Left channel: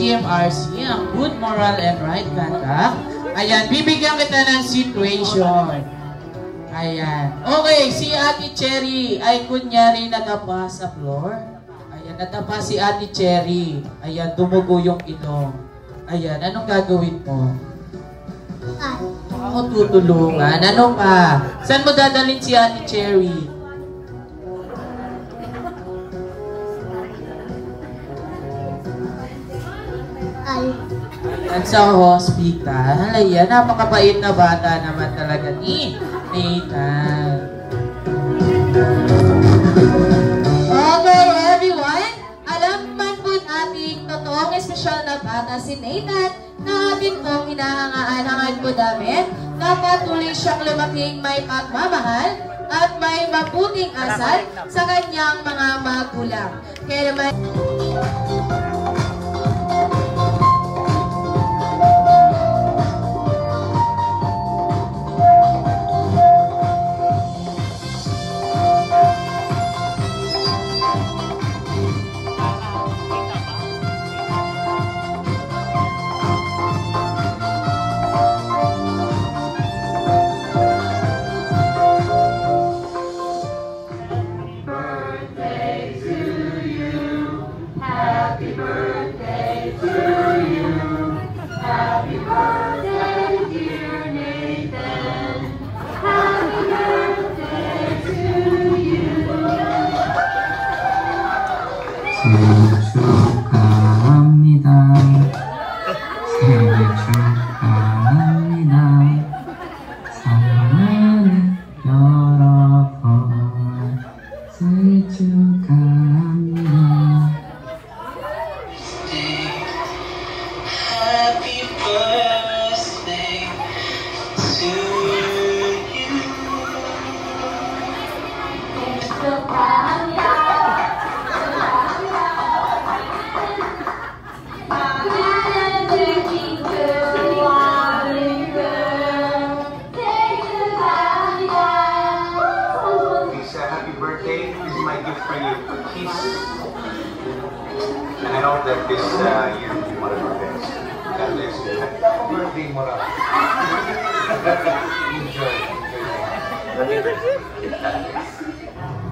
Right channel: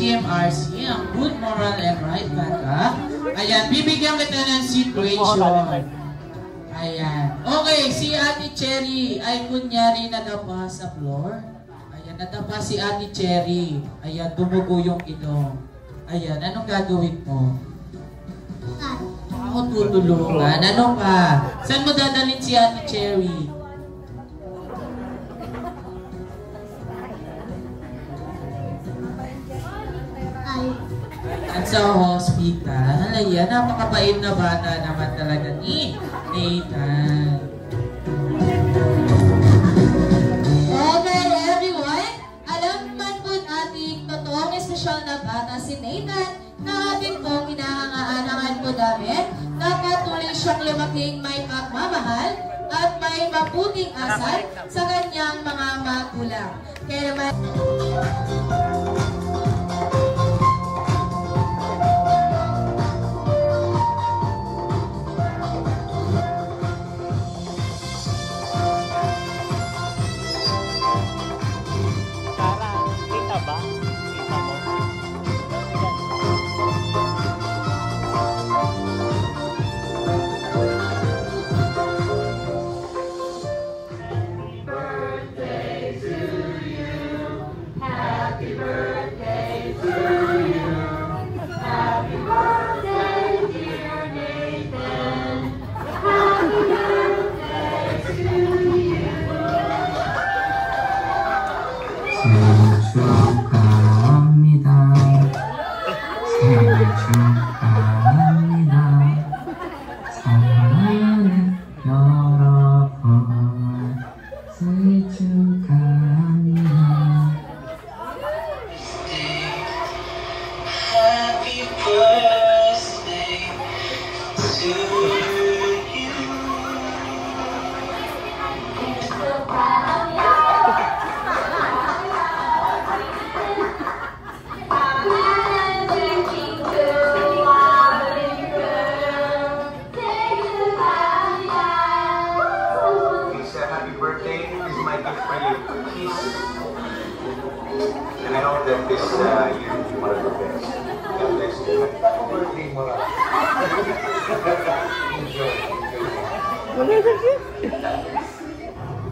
GMRC, ang good moral and right conduct. Ayan, bibigyan kita ng situation. Ayan. Okay, si Ate Cherry ay kunyari natapa sa floor. Ayan, natapa si Ate Cherry. Ayan, dumugo yung ilong. Ayan, anong gagawin mo? Ako tutulungan. Ano pa? Saan mo dadalhin si Ate Cherry? At sa hospital, ayan, napakabait na bata naman talaga ni Nathan. Okay, everyone, alam man po ating totoong espesyal na bata si Nathan na atin pong inahangaan po namin na patuloy siyang lumaking may pagmamahal at may mabuting asal sa kanyang mga magulang. Kaya naman...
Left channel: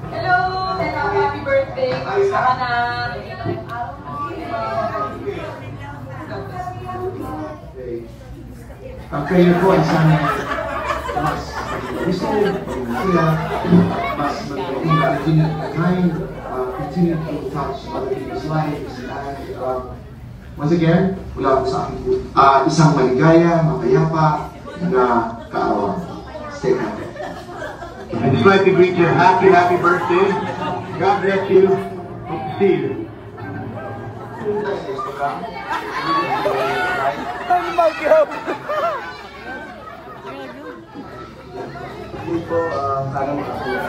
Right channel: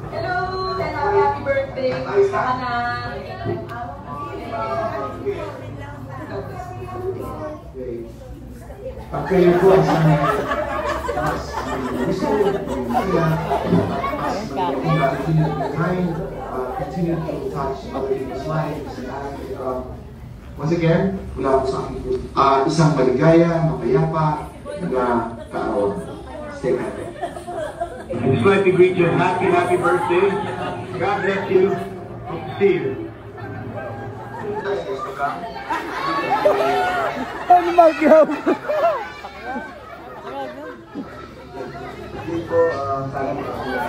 Hello, happy birthday. Kamusta ka na? Kayo po ang sana gusto sila continue to touch his life. Once again, mula po sa akin po isang maligaya, mapayapa na kaarawan. stay happy. I'd just like to greet you happy birthday. God bless you. Hope to see you. Dito, sana makasulat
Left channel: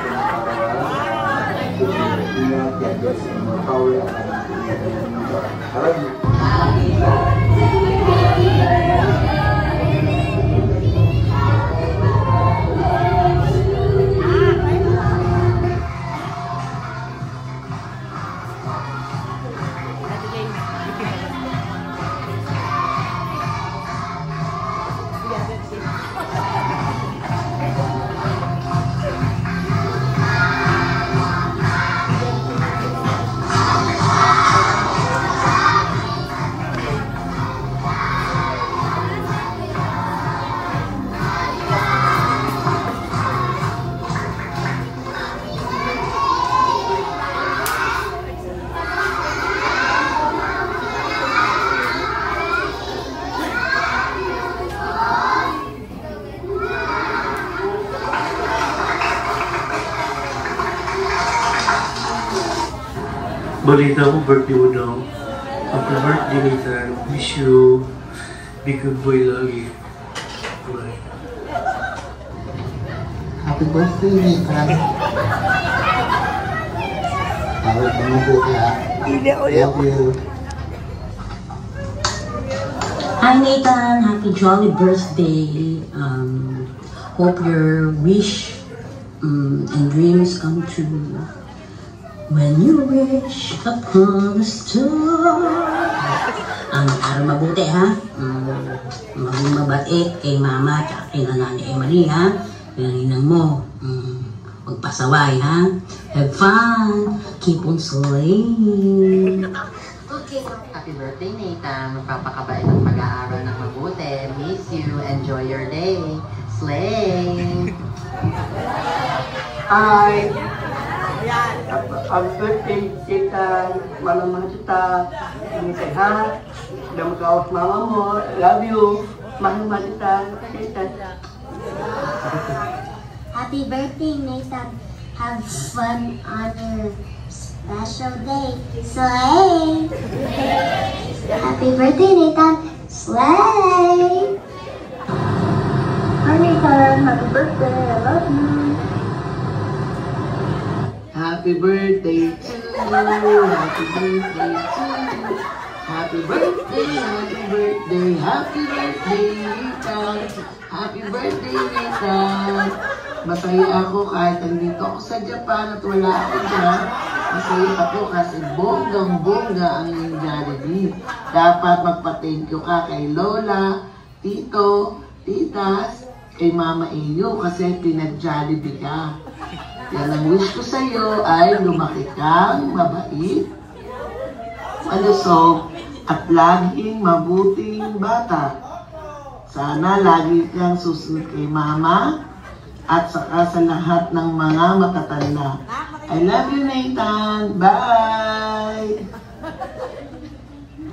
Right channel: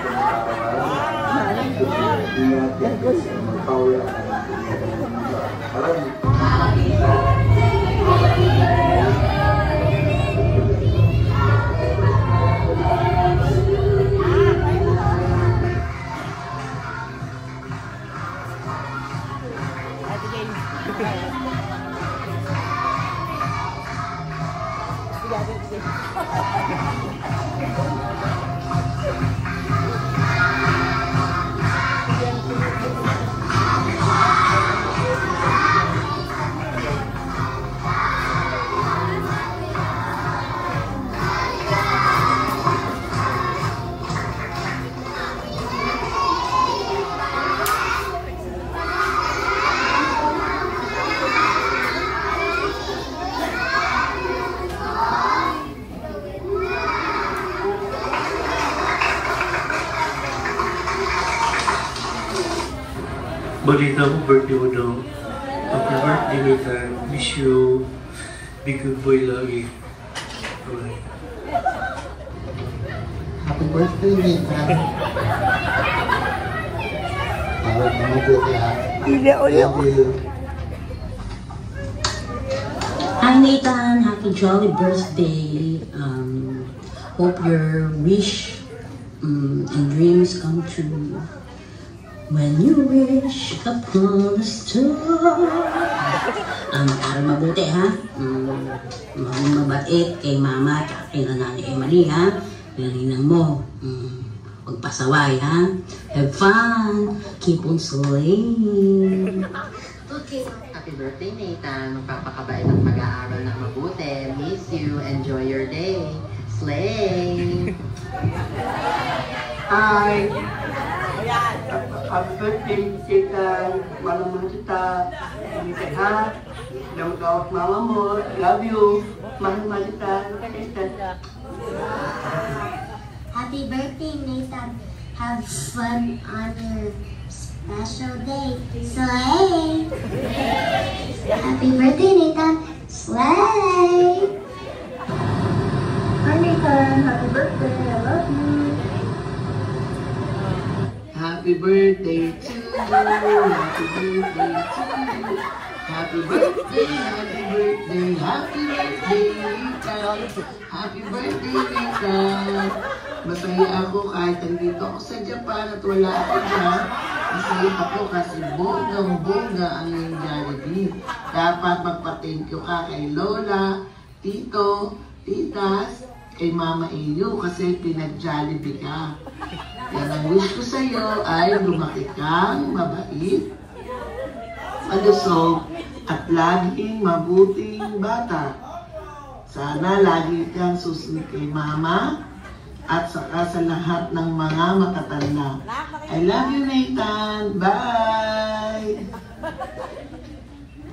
Balita mo, birthday mo daw. Happy birthday, Nathan. Wish you be good boy lagi. Bye. Happy birthday, Nathan. Tawag mo po kaya. Thank you. Hi Nathan, happy jolly birthday. Hope your wish and dreams come true. When you wish upon a star. Para mabuti ha. Maging mabait kay mama at kay nanay Emily ha. Pinarinang mo. Magpasaway ha. Have fun. Keep on soaring. Okay. Happy birthday, Nathan. Magpapakabait ang pag-aaral ng mabuti. Miss you. Enjoy your day. Slay! Hi! Happy birthday, Tita. Malaman kita. Ang sehat. Jangan kau mama mo. I love you. Mahal kita. Happy birthday, Nathan. Have fun on your special day. Slay! Happy birthday, Nathan. Slay! Hi, Nathan. Happy birthday. I love you. Happy birthday to you. Happy birthday to you. Happy birthday, happy birthday, happy birthday, Nathan. Happy birthday, Nathan. Masaya ako kahit nandito ako sa Japan at wala ako dyan. Masaya ako kasi bonggang-bongga ang iyong Jollibee. Dapat magpa-thank you ka kay Lola, Tito, Titas, kay Mama Inyo kasi pinag-Jollibee ka. Yan ang wish ko sa iyo ay lumaki kang mabait, malusog, at laging mabuting bata. Sana lagi kang susunod kay Mama at saka sa lahat ng mga matatanda. I love you, Nathan. Bye!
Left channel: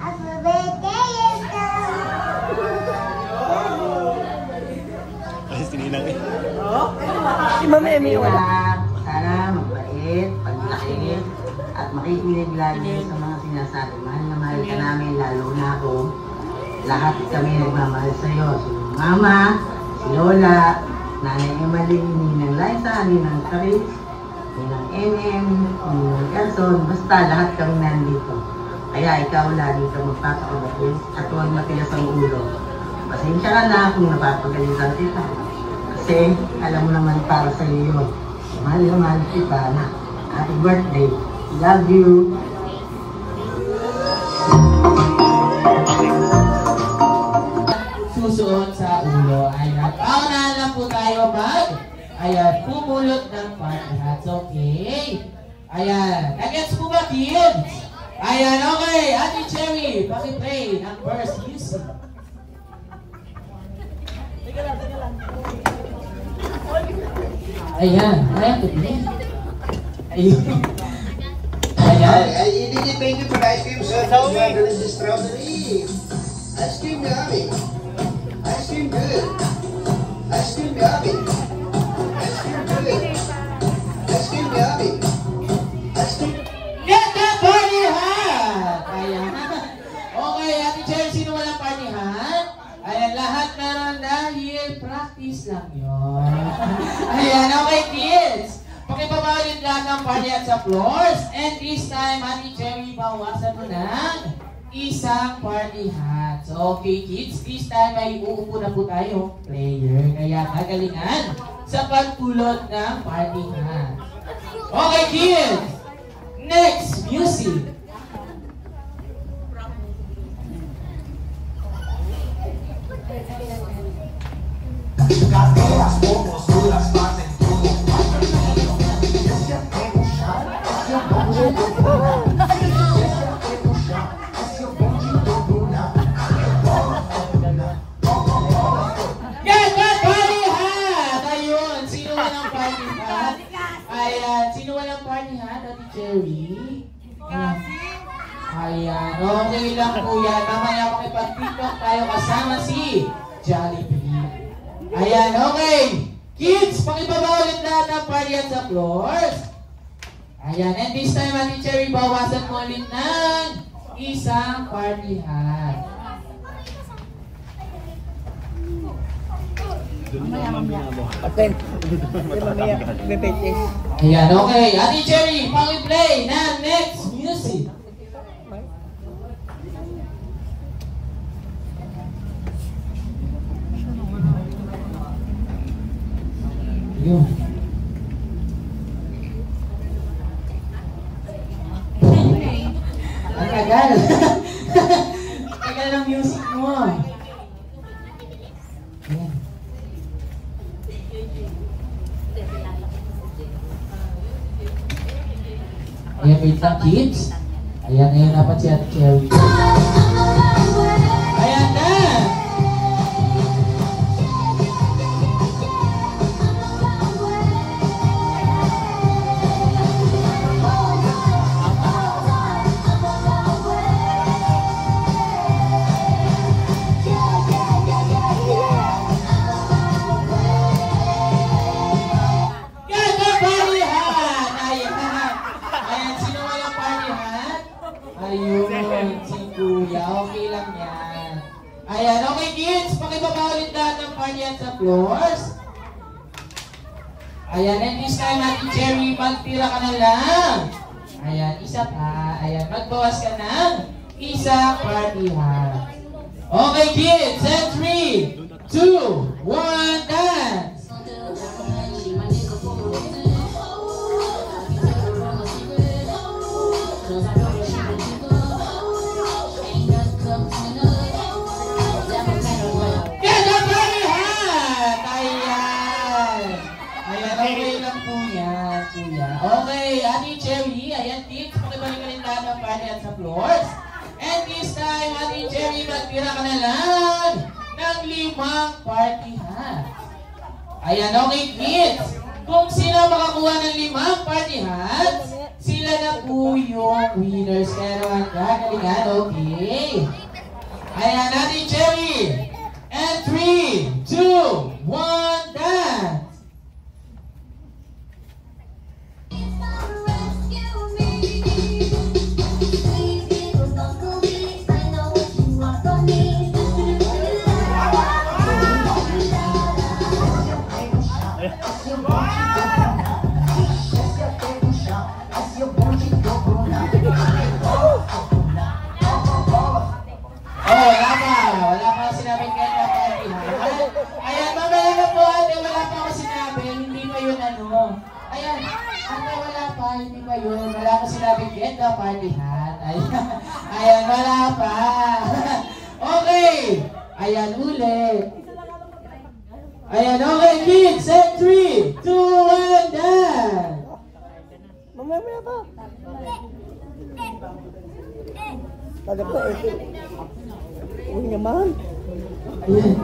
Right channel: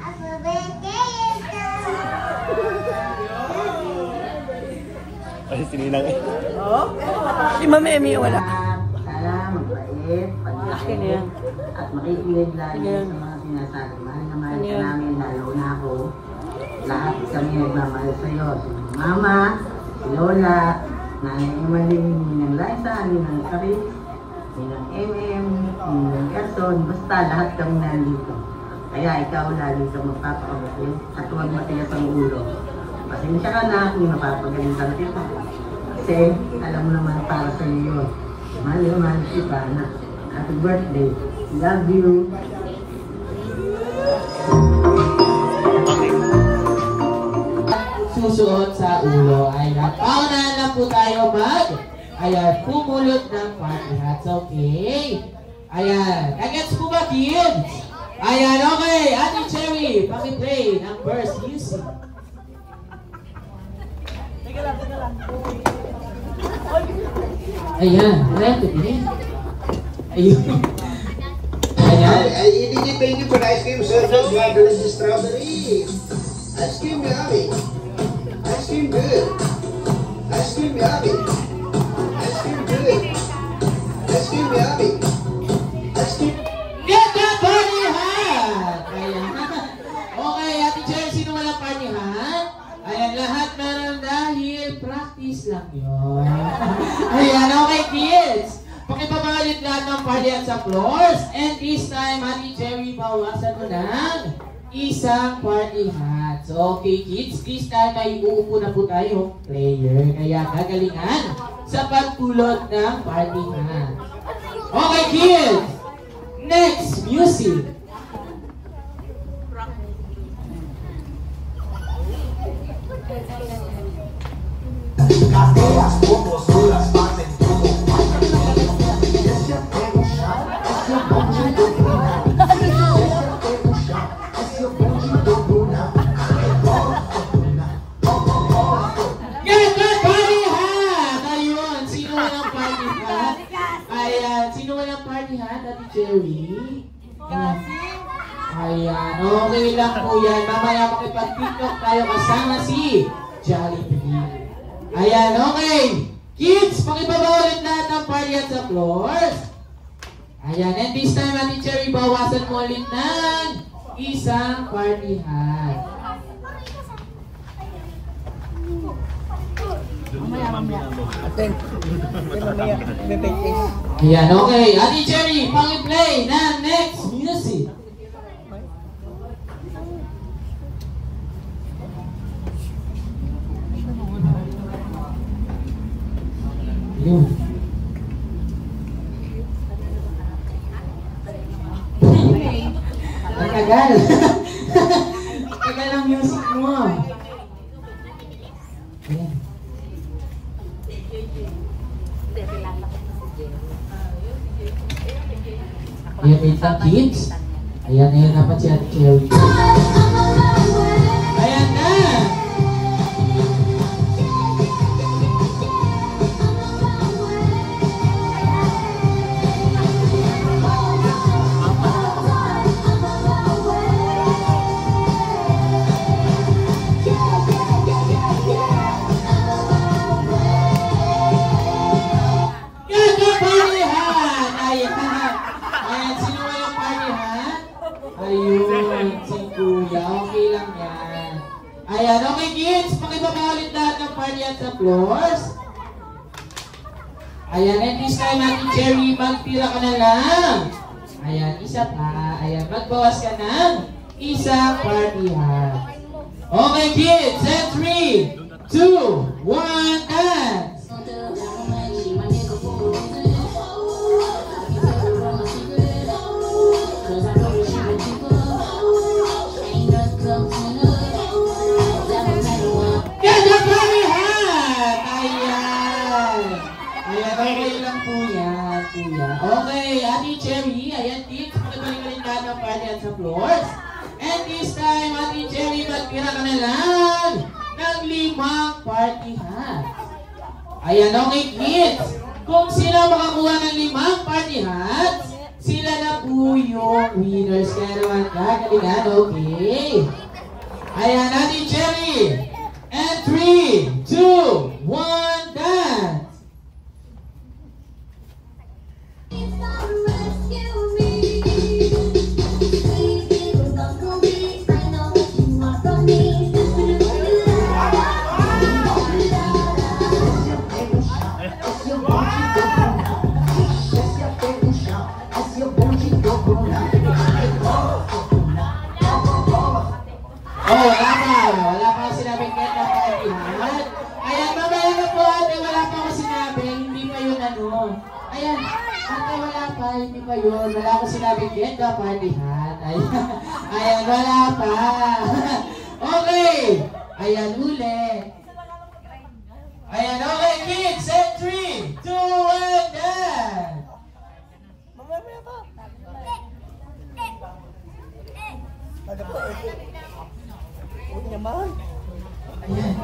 Happy birthday, Sana mabait, pagmahal, at makikinig lagi sa mga sinasabi. Mahal na mahal ka namin, lalo na ako. Lahat kami nagmamahal sa iyo. Si Mama, si Lola, Nanay Emily, Ninang Liza, Ninang Chris, Ninang MM, Ninang Carson, basta lahat kami nandito. Kaya ikaw lagi kang magpapakabot at huwag matigas ang ulo. Pasensya ka na kung napapagalitan kita. Kasi alam naman para sa iyo. Mahal kita na. Happy birthday. Love you. Susuot sa ulo ay paunahan lang po tayo pumulot ng party hats. Okay. Ayan. Nagets po ba, kids? Ayan, okay. Ate Cherry, paki-play ng verse music. Ayan. Ayan, tuloy. Ayun. Ayan. Thank you for the ice cream, sir. Delicious strawberry. Ice cream yummy. Ice cream good. Ice cream yummy. lang yun. Ayan, okay kids. Pakipamalit lahat ng party at sa floors. And this time, Ate Cherry, bawasan mo ng isang party hat. So, okay kids, this time ay uupo na po tayo player. Kaya gagalingan sa pagpulot ng party hat. Okay kids, next, music. Cadeas, como duras, pasen como Ayan, okay lang po yan. Mamaya makipag-tiktok tayo kasama si Jollibee. Ayan, okay. Kids, pakibaba ulit lahat ng party at sa floors. Ayan, and this time, Ate Cherry, bawasan mo ulit ng isang party hat. Ayan, okay. Ate Cherry, pang-play na next music. Yun. Ang tagal. Ang tagal ng music mo. Ayan. Ayan, wait lang kids. Ayan, ngayon dapat si Ate Cherry. Ayan na! Ayun, si Kuya. Okay lang yan. Ayan, okay kids. Pakibaba ulit lahat ng party at sa floors. Ayan, and this time Ate Cherry, magtira ka na lang. Ayan, isa pa. Ayan, magbawas ka ng isang party hat. Okay kids, and 3, 2, 1, dance! Okay, Ate Cherry, ayan kids, pakibalik lahat ng party at sa floors. And this time, Ate Cherry, magtira ka na lang ng 5 party hat. Ayan, okay kids, kung sino makakuha ng 5 party hat, sila na po yung winners. Kaya naman gagalingan, okay? Ayan, Ate Cherry, and 3, 2, 1, dance! Wala pa ako sinabing get na party hat. Ayan, mamaya na po ate, wala pa ako sinabing, hindi pa yun ano. Ayan, ate wala pa, hindi pa yun. Wala ako sinabing get na party hat. Ayan, wala pa. Okay, ayan ulit. Ayan, okay kids, set 3, 2, 1, dance! Mamaya pa. Pada pa ito. Uy naman. Ayan.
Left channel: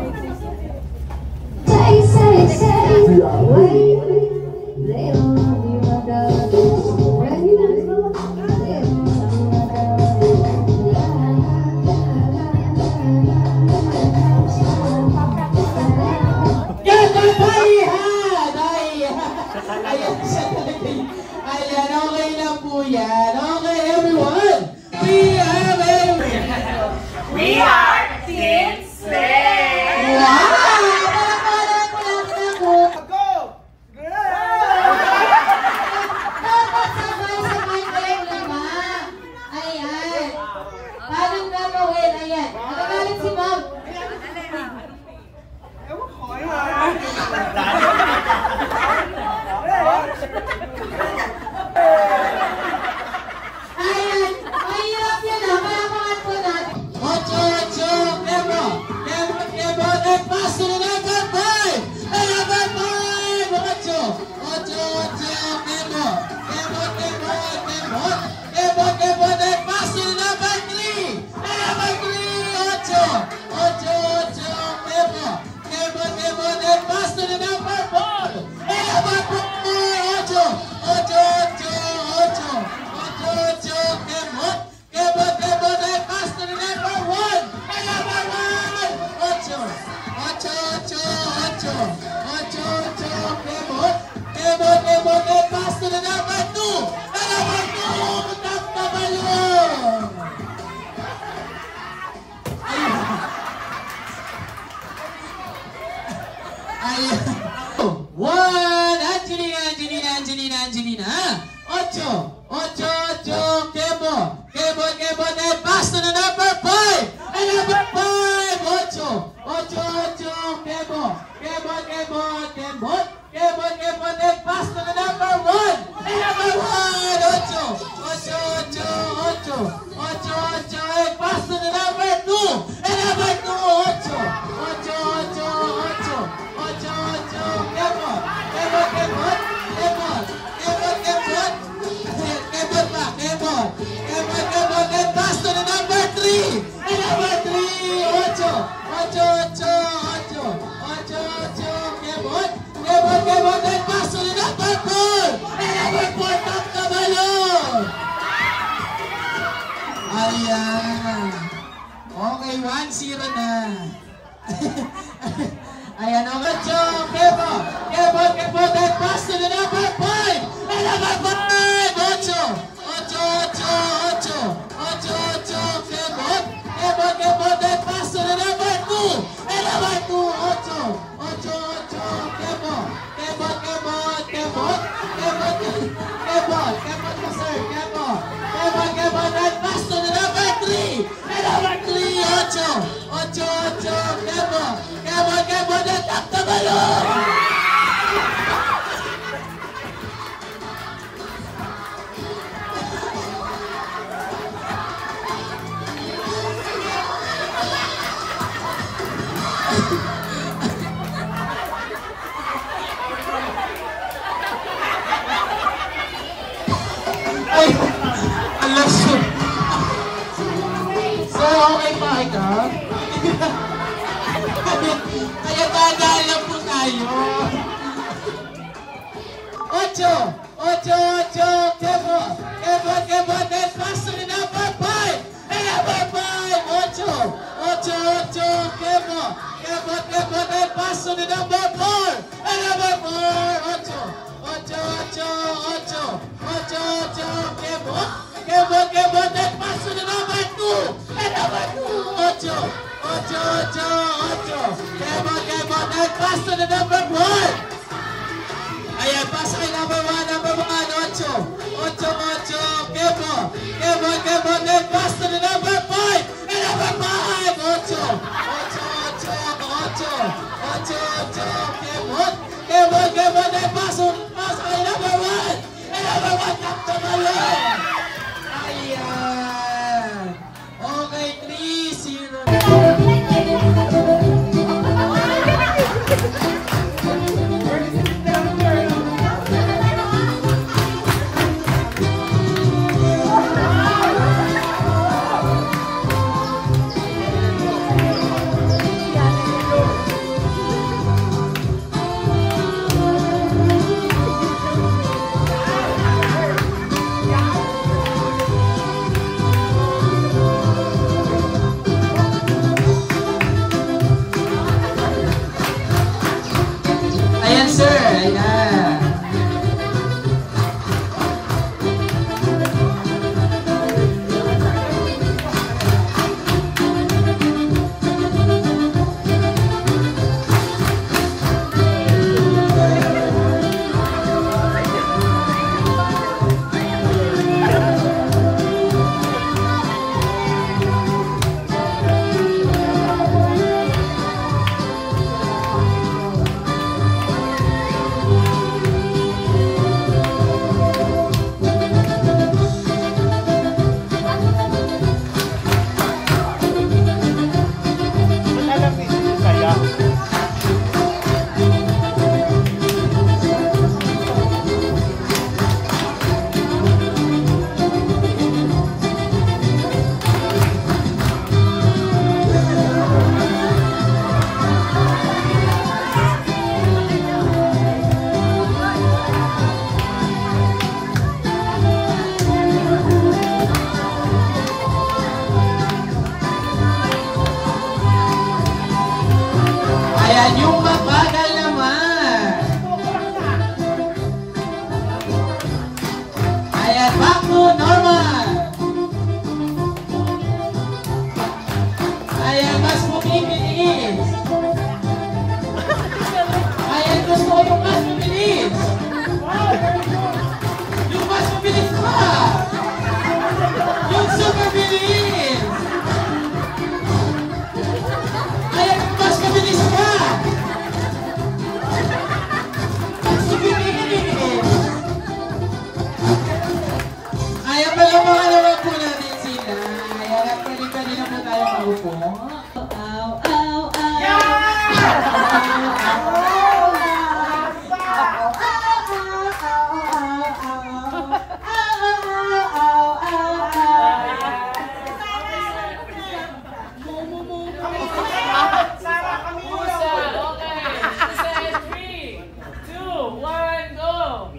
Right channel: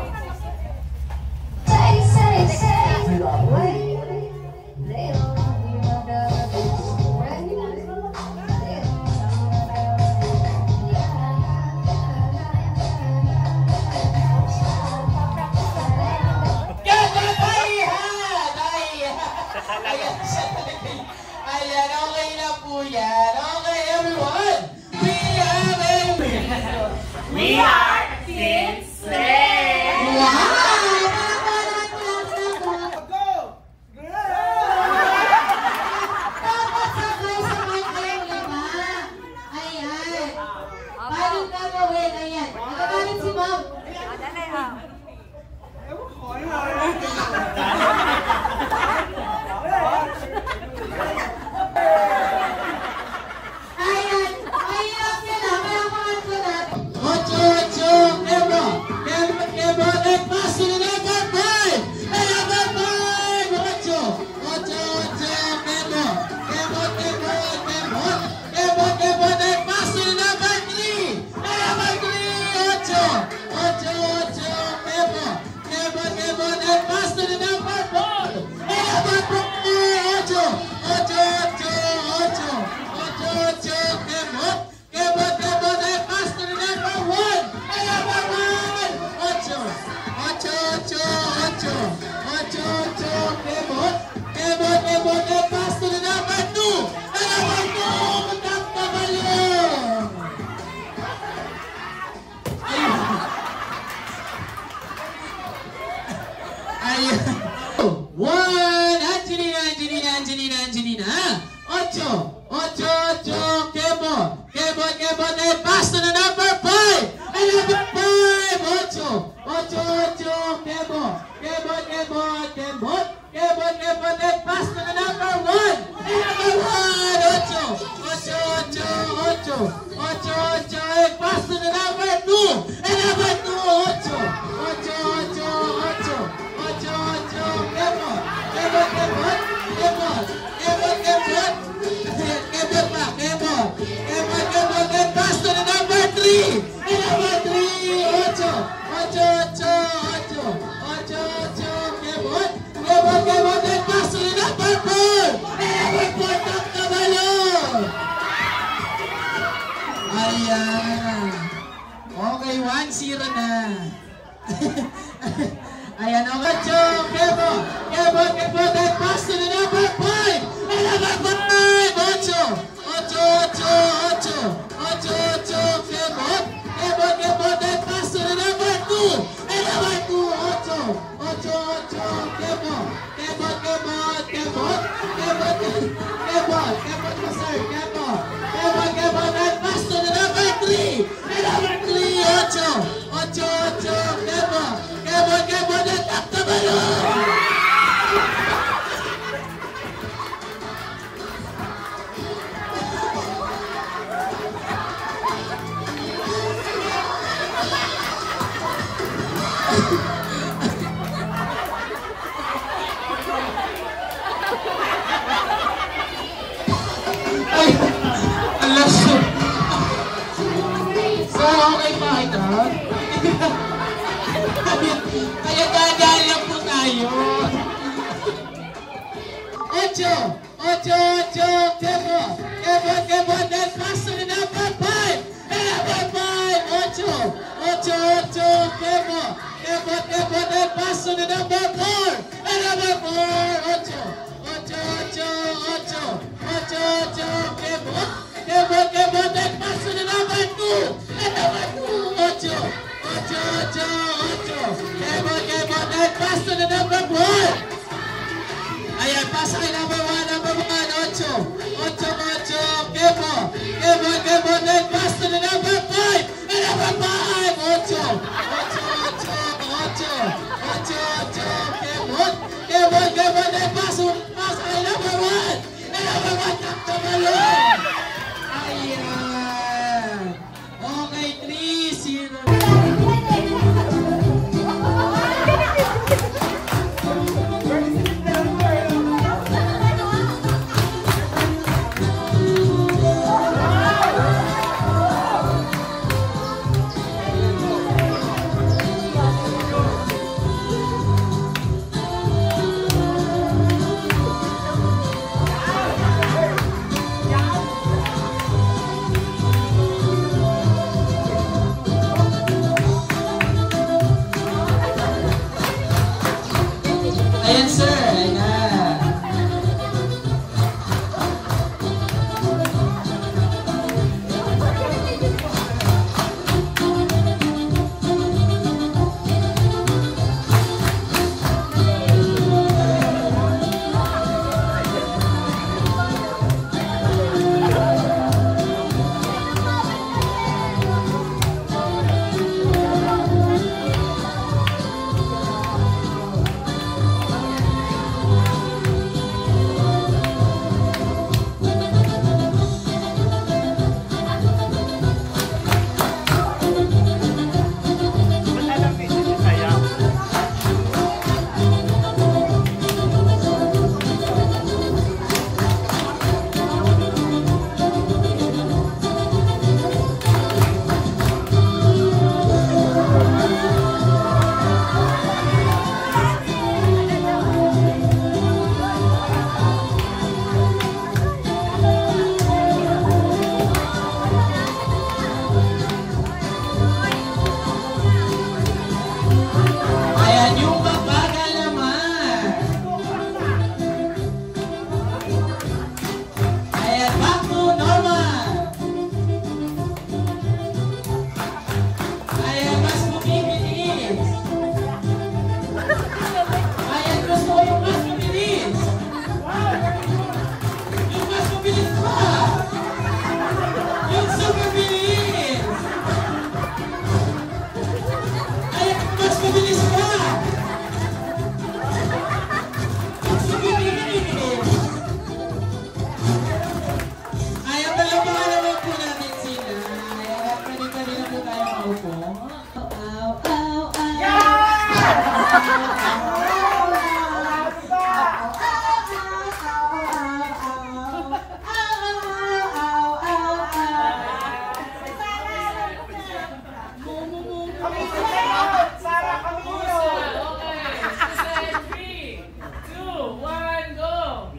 We are Team Slay! Wow! Ayan. Okay, 1-0 na. Ayan, okay, Kebo. That pass to the number 5. And number 5. 8. Kebo. That pass to the number 2. And number 2. 8. Kebo. That pass to the number 3. And number 3. 8. Kebo. That up the balloon. So, okay ba ito? Kaya dadaan lang po tayo. 8. Kebo. Then pass to the number 5. And number 5. 8. Kebo. Then pass to the number 4. And number 4. 8. Kebo. Then pass to the number 2. And number 2. 8. Kebo. Then pass to the number 1. Ayan, pass kay number 1. 8. Kebo. Then pass to the number 5. And number 5. 8. Kebo. Then pass kay number 1. And number 1 sakto ngayon. Ayan. Okay, 3-0.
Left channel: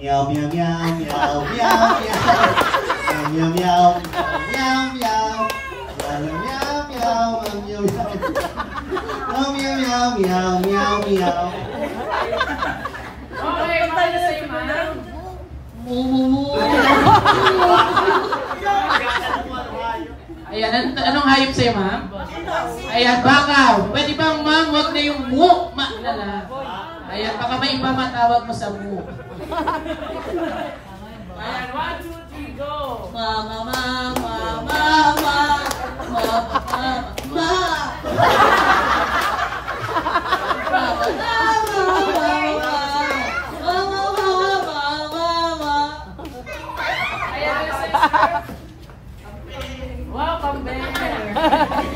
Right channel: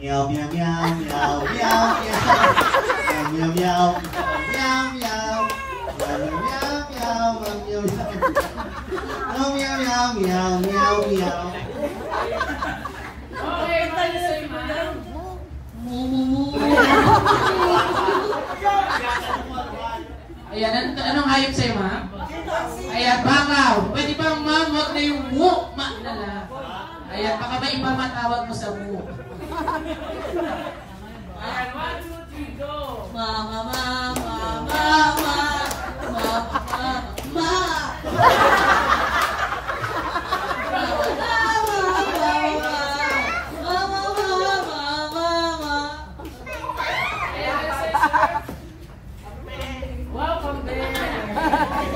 Meow, meow, meow, meow, meow, meow, meow, meow, meow, meow. meow, meow, meow, meow. Okay, tayo sa'yo, ma'am. Ayan, anong hayop sa'yo, ma'am? Ayan, bakaw. Pwede bang, ma'am, wag na yung mu, ma na lang. Ayan, baka may iba matawag mo sa mu. Ayan, 1, 2, 3, go! Mama, mama, mama, mama, mama. Welcome there!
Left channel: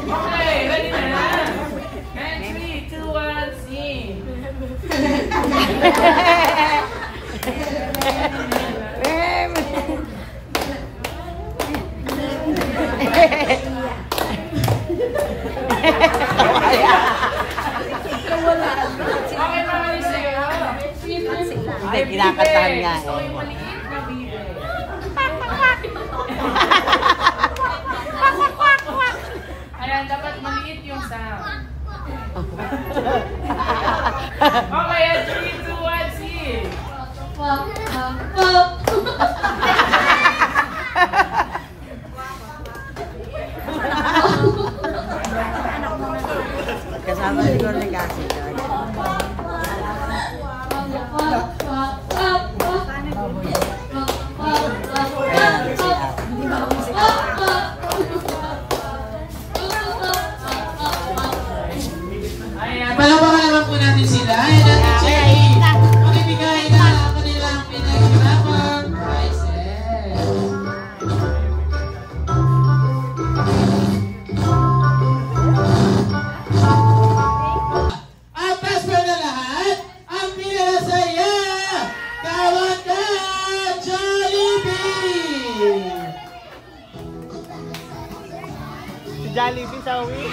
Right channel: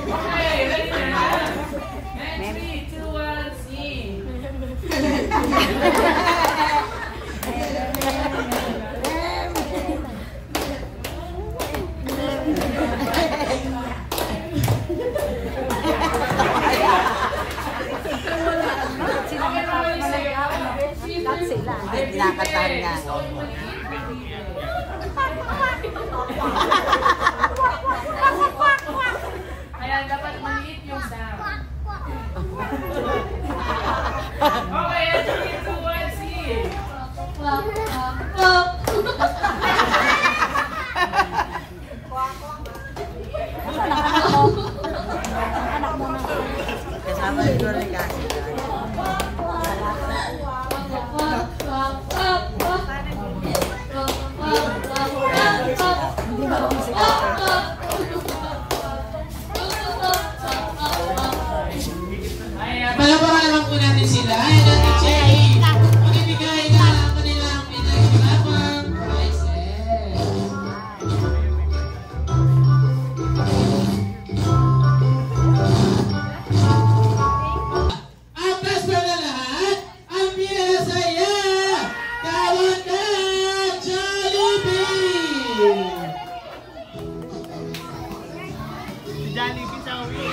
Okay, ready na? And 3, 2, 1, scene! Okay, mawali sa'yo. Ay, kinakataan nga. So, yung maliit na bibe. Ayan, dapat maliit yung sound. Okay, 3, 2, 1, scene! Kasama ni Gordy kasi. Palabakan naman po natin sila. Ayan natin, Cherry. Makibigay na kanilang pinaghirapan prizes. Ang best friend na lahat, ang pinasaya, kawan ka, Jollibee! Si Jollibee tawi.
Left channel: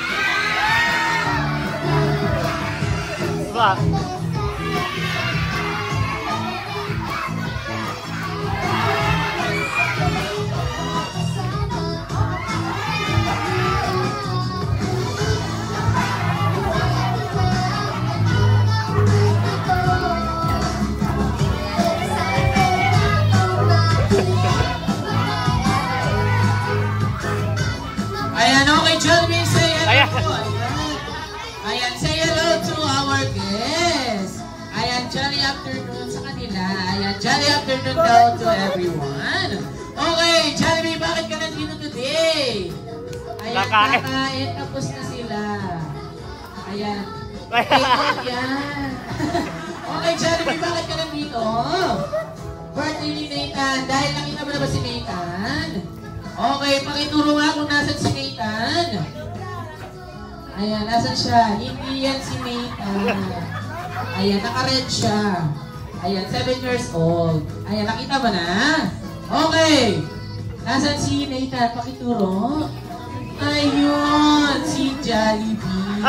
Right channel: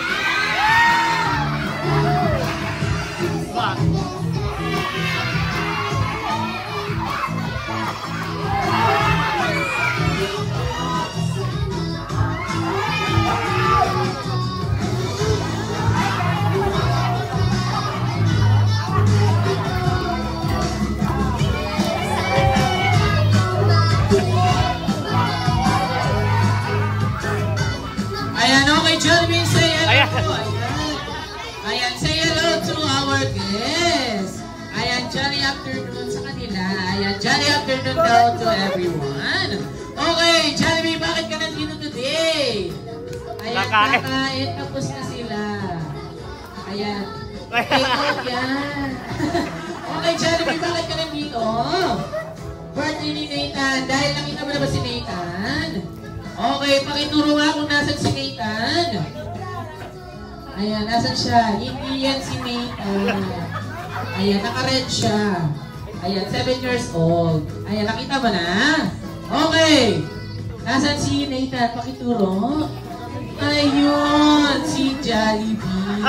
Diba? Ayan, okay, Jollibee, say hello po. Ayan, say hello to our guests. Ayan, jolly afternoon sa kanila. Ayan, jolly afternoon daw to everyone. Okay, Jollibee, bakit ka nandito today? Ayan, kakain, tapos na sila. Ayan. Yan. Okay, Jollibee, bakit ka nandito? Birthday ni Nathan. Dahil nakita mo na ba si Nathan? Okay, pakituro nga kung nasan si Nathan. Ayan, nasan siya? Hindi yan si Nathan. Ayan, naka-red siya. Ayan, 7 years old. Ayan, nakita mo na? Okay. Nasan si Nathan? Pakituro. Ayun, si Jollibee.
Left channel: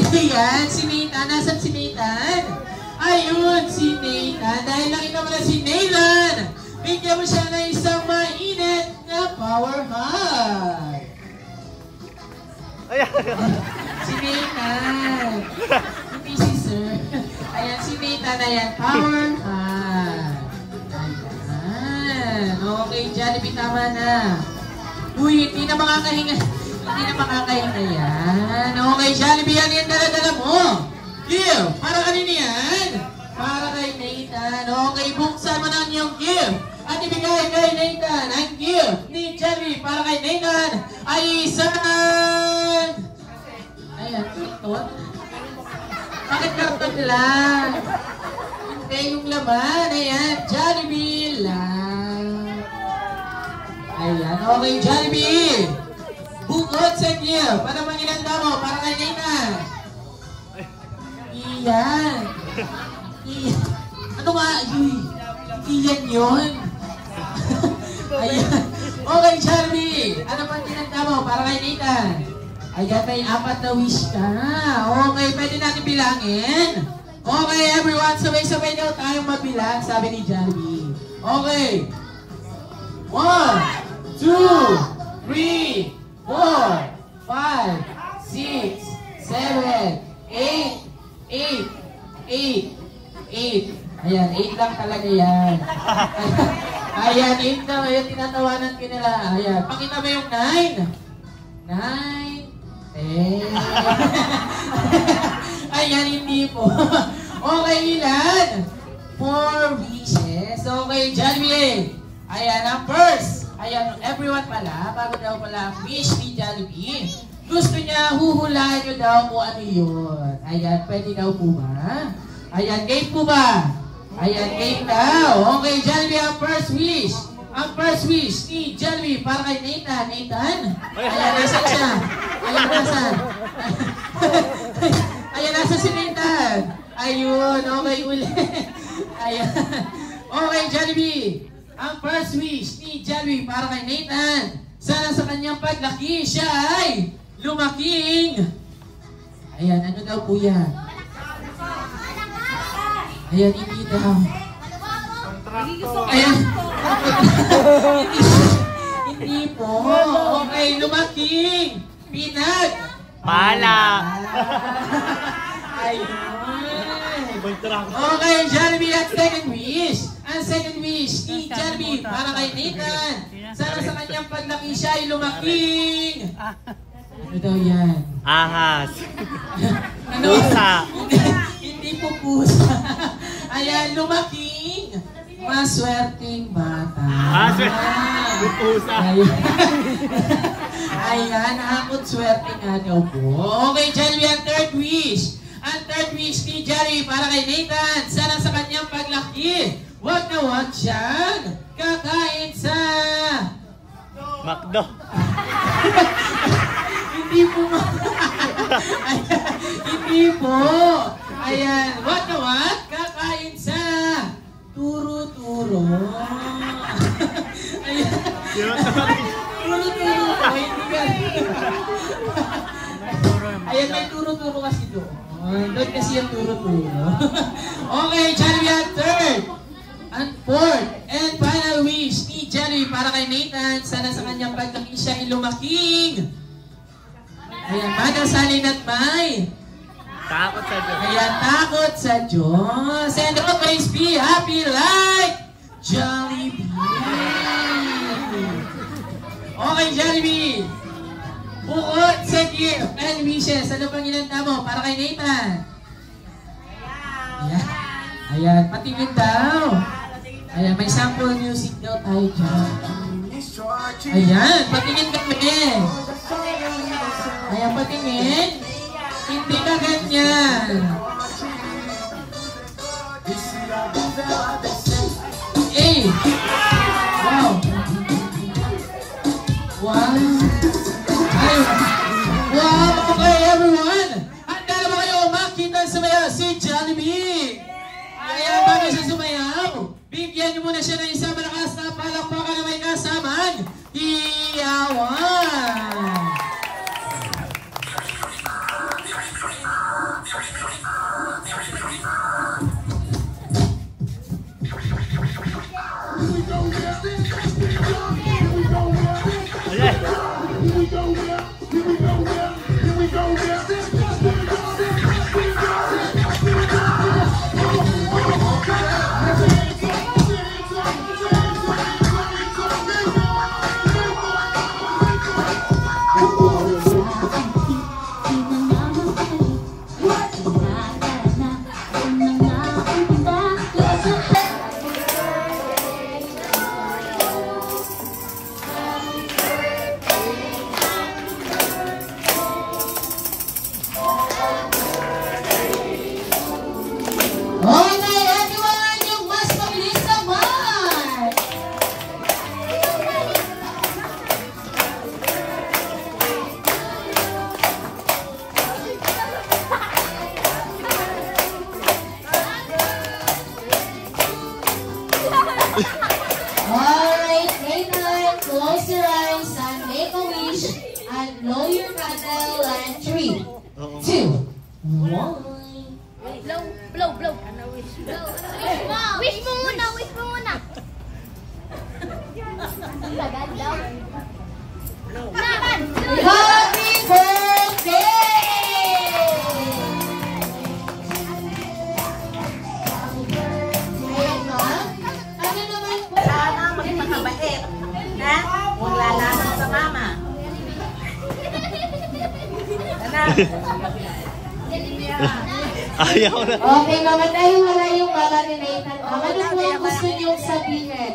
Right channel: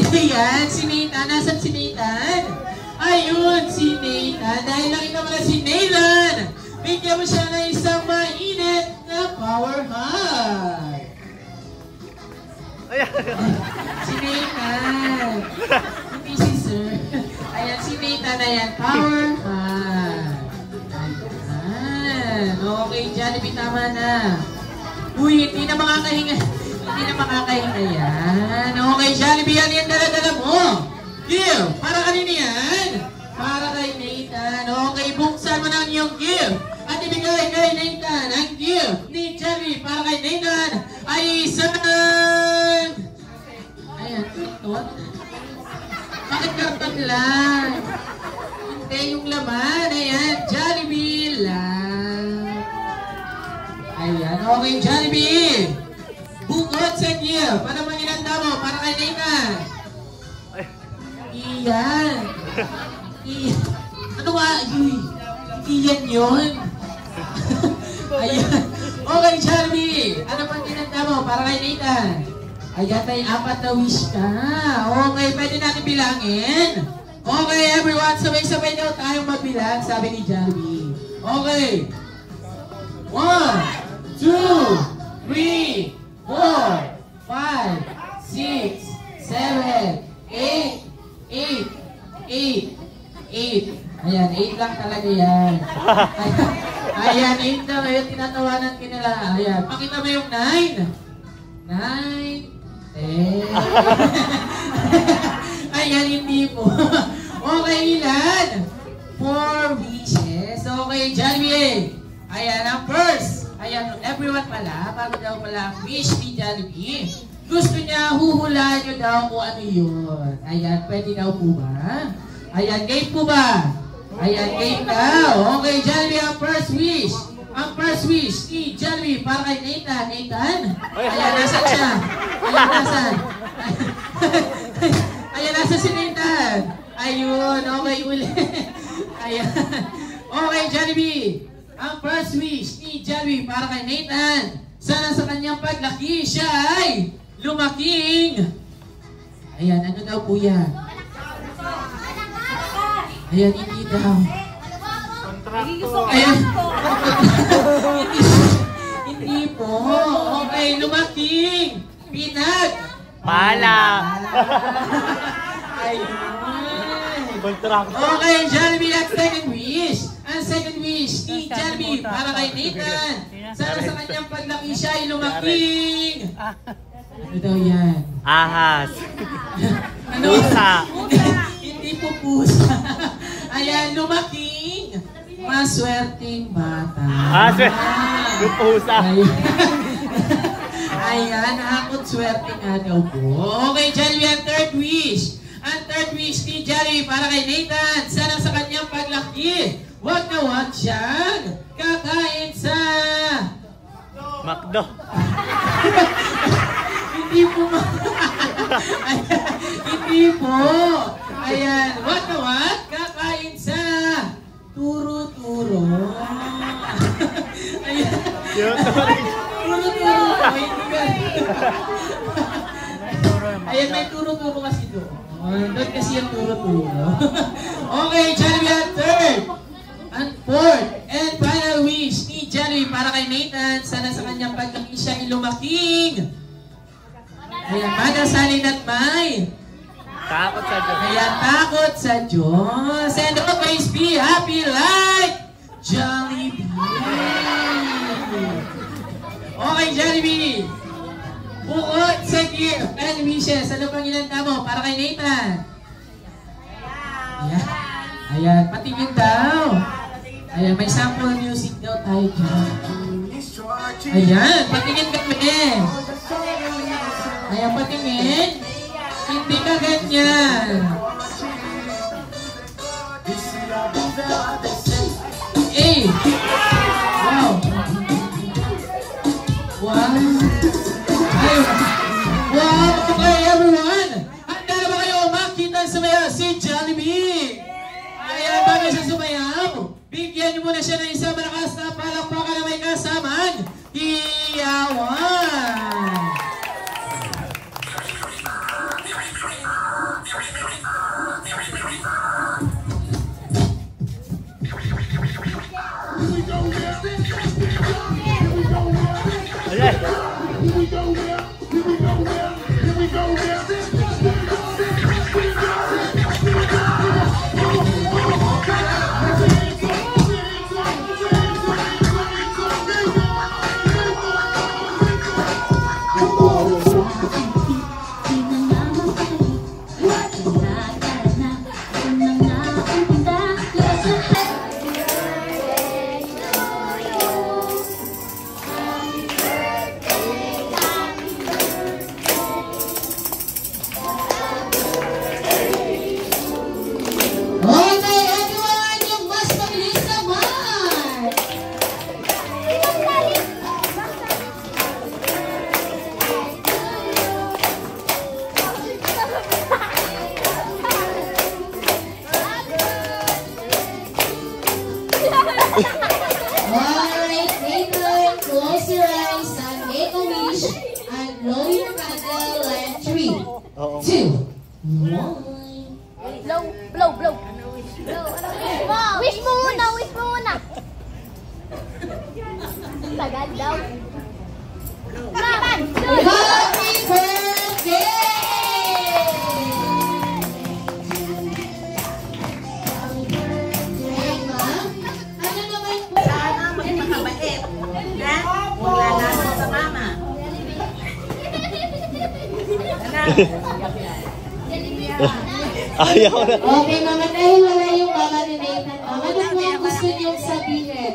Hindi yan, si Nathan. Nasan si Nathan? Ayun, si Nathan. Dahil nakita mo na si Nathan, bigyan mo siya ng isang mainit na power hug. Si Nathan. Hindi si Sir. Ayan, si Nathan. Ayan, power hug. Ayan. Okay, Jollibee, tama na. Uy, hindi na makakahinga. Hindi na makakahinga yan. Okay, Jollibee, yan yung dala-dala mo. Gift. Para kanina yan? Para kay Nathan. Okay, buksan mo na ang iyong gift. At ibigay kay Nathan ang gift ni Jollibee para kay Nathan ay isang... Ayan, karton. Bakit karton lang? Hindi yung laman. Ayan, Jollibee lang. Ayan, okay, Jollibee. Bukod sa gift. Ano bang inanda mo para kay Nathan? Iyan. Iyan. Ano nga? Iyan yun. Ayan. Okay, Jollibee. Ano bang inanda mo para kay Nathan? Ayan, may 4 na wish ka. Okay, pwede natin bilangin. Okay, everyone. Sabay-sabay daw tayong mabilang, sabi ni Jollibee. Okay. 1, 2, 3, 4, 5, 6, 7, talaga yan. Ayan, 8 na ngayon, tinatawanan ka nila. Ayan, pakita mo yung 9. 9, 10. Ayan, hindi po. Okay, ilan? 4 wishes. Okay, Jollibee. Ayan, ang first. Ayan, everyone pala, bago daw pala ang wish ni Jollibee. Gusto niya, huhulaan nyo daw kung ano yun. Ayan, pwede daw po ba? Ayan, game po ba? Ayan, game daw. Okay, Jollibee, ang first wish. Ang first wish ni Jollibee para kay Nathan. Nathan? Ayan, nasan siya? Ayan, nasan? Ayan, nasa si Nathan. Ayun, okay, ulit. Ayan. Okay, Jollibee. Ang first wish ni Jollibee para kay Nathan. Sana sa kanyang paglaki, siya ay lumaking. Ayan, ano daw po yan? Ayan, hindi daw. Ayan. Hindi po. Okay, lumaking. Pinag. Pala. Ayun. Okay, Jollibee, ang second wish. Ang second wish ni Jollibee para kay Nathan. Sana sa kanyang paglaki siya ay lumaking. Ano daw yan? Ahas. Ano? Pusa. Hindi po pusa. Ayan, lumaking. Maswerteng bata. Yung pusa. Ayan, nakakot swerte nga daw po. Okay, Jollibee, ang third wish. Ang third wish ni Jollibee para kay Nathan. Sana sa kanyang paglaki, wag na wag siyang kakain sa McDo. Hindi po. Hindi po. Ayan, wag na wag kakain sa turo-turo. Ayan. Turo-turo. Ayan, may turo-turo kasi doon. Doon kasi yung turo-turo. Okay, Jollibee, ang third. Ang fourth and final wish ni Jollibee para kay Nathan. Sana sa kanyang paglaki siya ay lumaking. Ayan, manasalin at may Takot sa Diyos. ayan, takot sa Diyos. And always be happy like Jollibee. Okay, Jollibee. Bukod sa gift and wishes, ano pang inanda mo para kay Nathan? Ayan. Ayan, patingin daw. Ayan, may sample music daw tayo dyan. Ayan, patingin kami. Ayan, patingin. Hindi ka ganyan. Eh! Wow! Wow! Ayun! Wow! Okay, everyone! Handa na ba kayo makita sumayaw si Jollibee? Ayan, bago siya sumayaw, bigyan niyo muna siya ng isang malakas na palakpakan na may kasamang iyawan! Alright, Nathan, close your eyes and make a wish and blow your candle and 3, 2, 1. Blow. Wish mo muna. Tagal daw. Happy birthday! Ayan, ma'am. Ayaw na. Okay, mama, dahil wala yung mama ni Nathan. Ano po ang gusto niyong sabihin?